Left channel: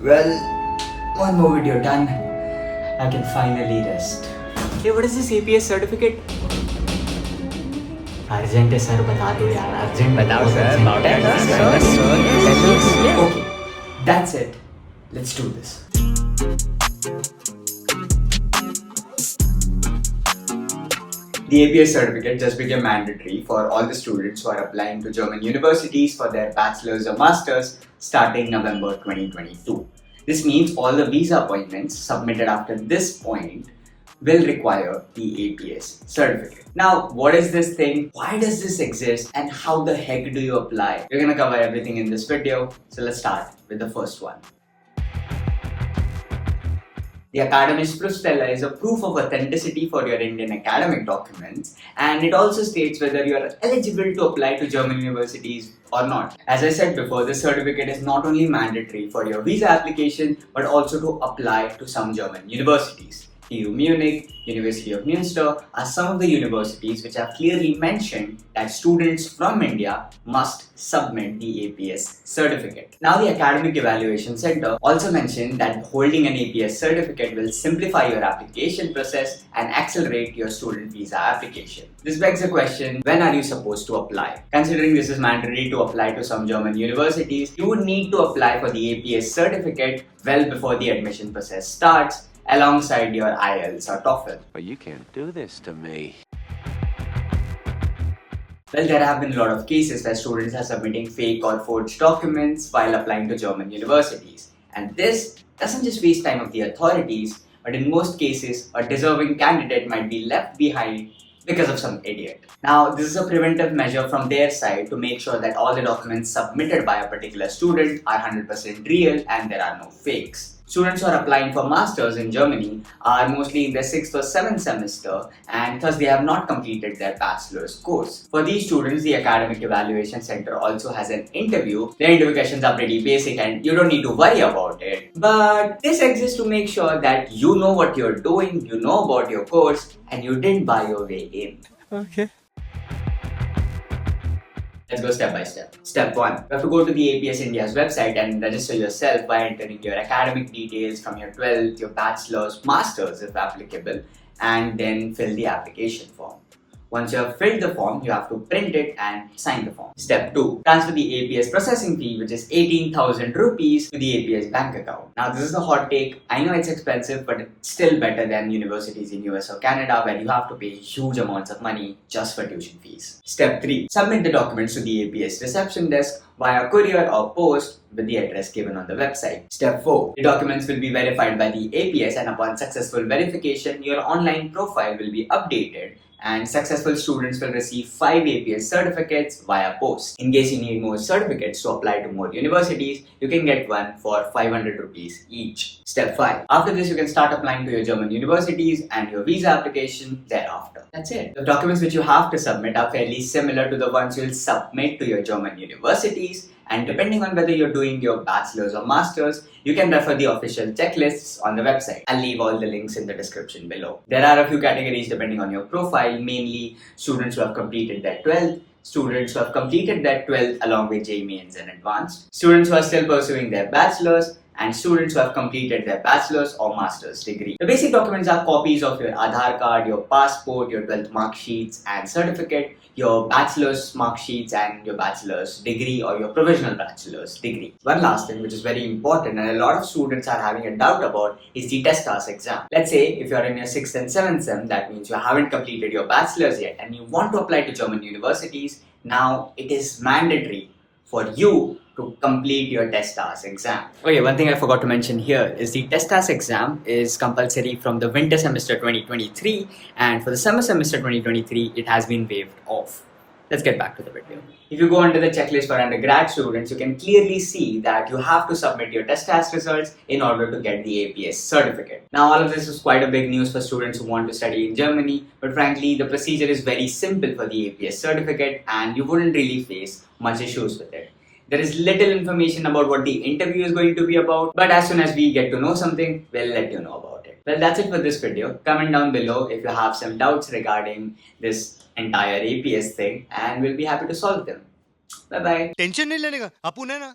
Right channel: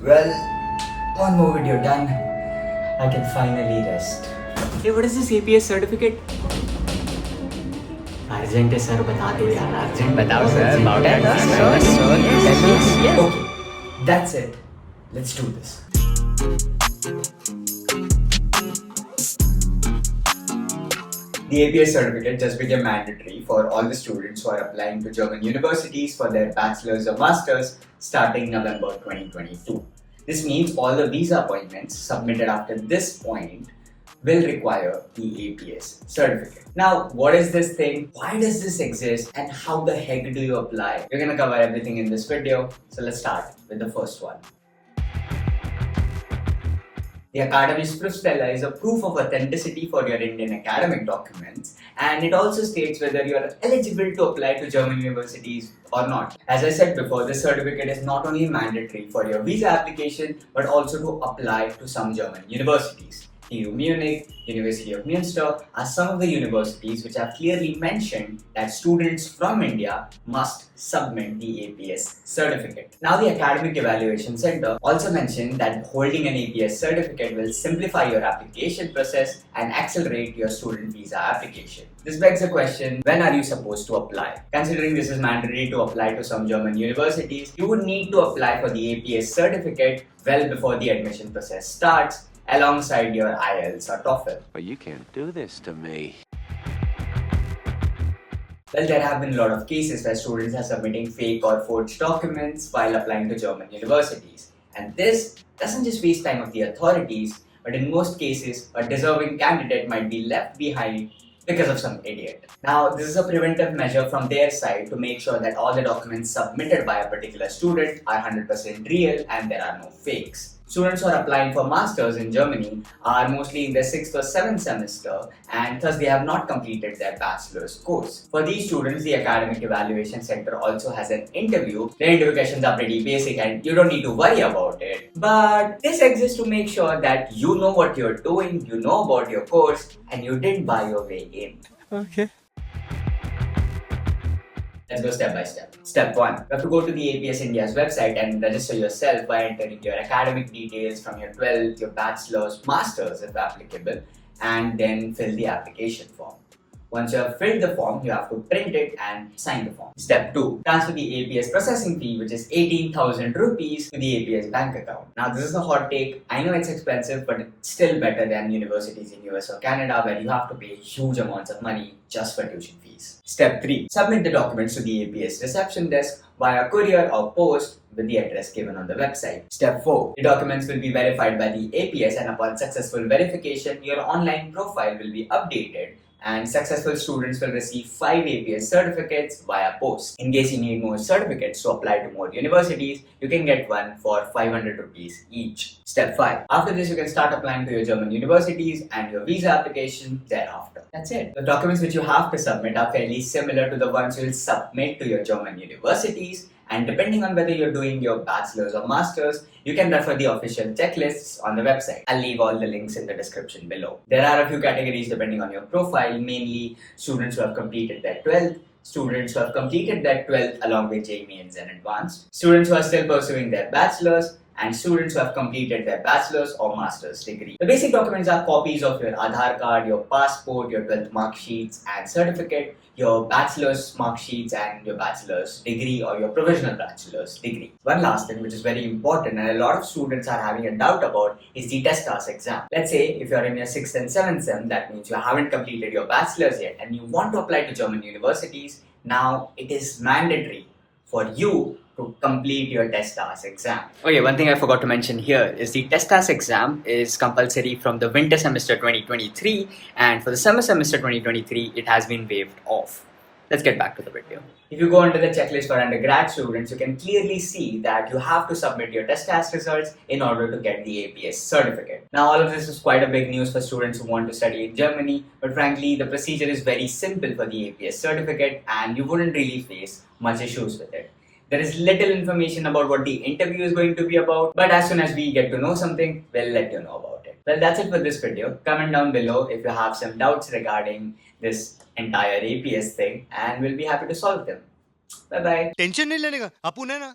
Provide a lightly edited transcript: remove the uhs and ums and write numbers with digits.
Well, one more video done. I can finally rest. Hey, what is this APS certificate? Urgent है sir, बता दो यार. Urgent. बताओ sir, about Tell it. us, Sir, yes. Okay, that's it. Let's do this. The APS certificate just became mandatory for all the students who are applying to German universities for their bachelor's or master's starting November 2022. This means all the visa appointments submitted after this point will require the APS certificate. Now, what is this thing? Why does this exist? And how the heck do you apply? We're gonna cover everything in this video. So let's start with the first one. The Academy's Proof is a proof of authenticity for your Indian academic documents, and it also states whether you are eligible to apply to German universities or not. As I said before, this certificate is not only mandatory for your visa application but also to apply to some German universities. TU Munich, University of Munster are some of the universities which have clearly mentioned that students from India must submit the APS certificate. Now, the Academic Evaluation Center also mentioned that holding an APS certificate will simplify your application process and accelerate your student visa application. This begs the question, when are you supposed to apply? Considering this is mandatory to apply to some German universities, you would need to apply for the APS certificate well before the admission process starts, alongside your IELTS or TOEFL. But you can't do this to me. Well, there have been a lot of cases where students are submitting fake or forged documents while applying to German universities. And this doesn't just waste time of the authorities, but in most cases, a deserving candidate might be left behind because of some idiot. Now, this is a preventive measure from their side to make sure that all the documents submitted by a particular student are 100% real and there are no fakes. Students who are applying for masters in Germany are mostly in their 6th or 7th semester, and thus they have not completed their bachelor's course. For these students, the Academic Evaluation Center also has an interview. The interview questions are pretty basic and you don't need to worry about it. But this exists to make sure that you know what you're doing, you know about your course, and you didn't buy your way in. Okay. Let's go step by step. Step 1. You have to go to the APS India's website and register yourself by entering your academic details from your 12th, your bachelor's, master's if applicable, and then fill the application form. Once you have filled the form, you have to print it and sign the form. Step 2. Transfer the APS processing fee, which is 18,000 rupees, to the APS bank account. Now, this is a hot take. I know it's expensive, but it's still better than universities in US or Canada where you have to pay huge amounts of money just for tuition fees. Step 3. Submit the documents to the APS reception desk via courier or post with the address given on the website. Step 4. The documents will be verified by the APS, and upon successful verification, your online profile will be updated and successful students will receive 5 APS certificates via post. In case you need more certificates to apply to more universities, you can get one for 500 rupees each. Step 5. After this, you can start applying to your German universities and your visa application thereafter. That's it. The documents which you have to submit are fairly similar to the ones you'll submit to your German universities, and depending on whether you're doing your bachelor's or master's, you can refer the official checklists on the website. I'll leave all the links in the description below. There are a few categories depending on your profile, mainly students who have completed their 12th, students who have completed their 12th along with JEE Mains and Advanced, students who are still pursuing their bachelor's, and students who have completed their bachelor's or master's degree. The basic documents are copies of your Aadhaar card, your passport, your 12th mark sheets and certificate, your bachelor's mark sheets and your bachelor's degree or your provisional bachelor's degree. One last thing which is very important and a lot of students are having a doubt about is the TestAS exam. Let's say if you're in your 6th and 7th sem, that means you haven't completed your bachelor's yet and you want to apply to German universities. Now it is mandatory for you to complete your TestAS exam. Okay, one thing I forgot to mention here is the TestAS exam is compulsory from the winter semester 2023, and for the summer semester 2023, it has been waived off. Let's get back to the video. If you go under the checklist for undergrad students, you can clearly see that you have to submit your TestAS results in order to get the APS certificate. Now, all of this is quite a big news for students who want to study in Germany, but frankly, the procedure is very simple for the APS certificate and you wouldn't really face much issues with it. There is little information about what the interview is going to be about, but as soon as we get to know something, we'll let you know about it. Well, that's it for this video. Comment down below if you have some doubts regarding this entire APS thing, and we'll be happy to solve them. Bye bye. Tension नहीं लेने का, अपुन है ना.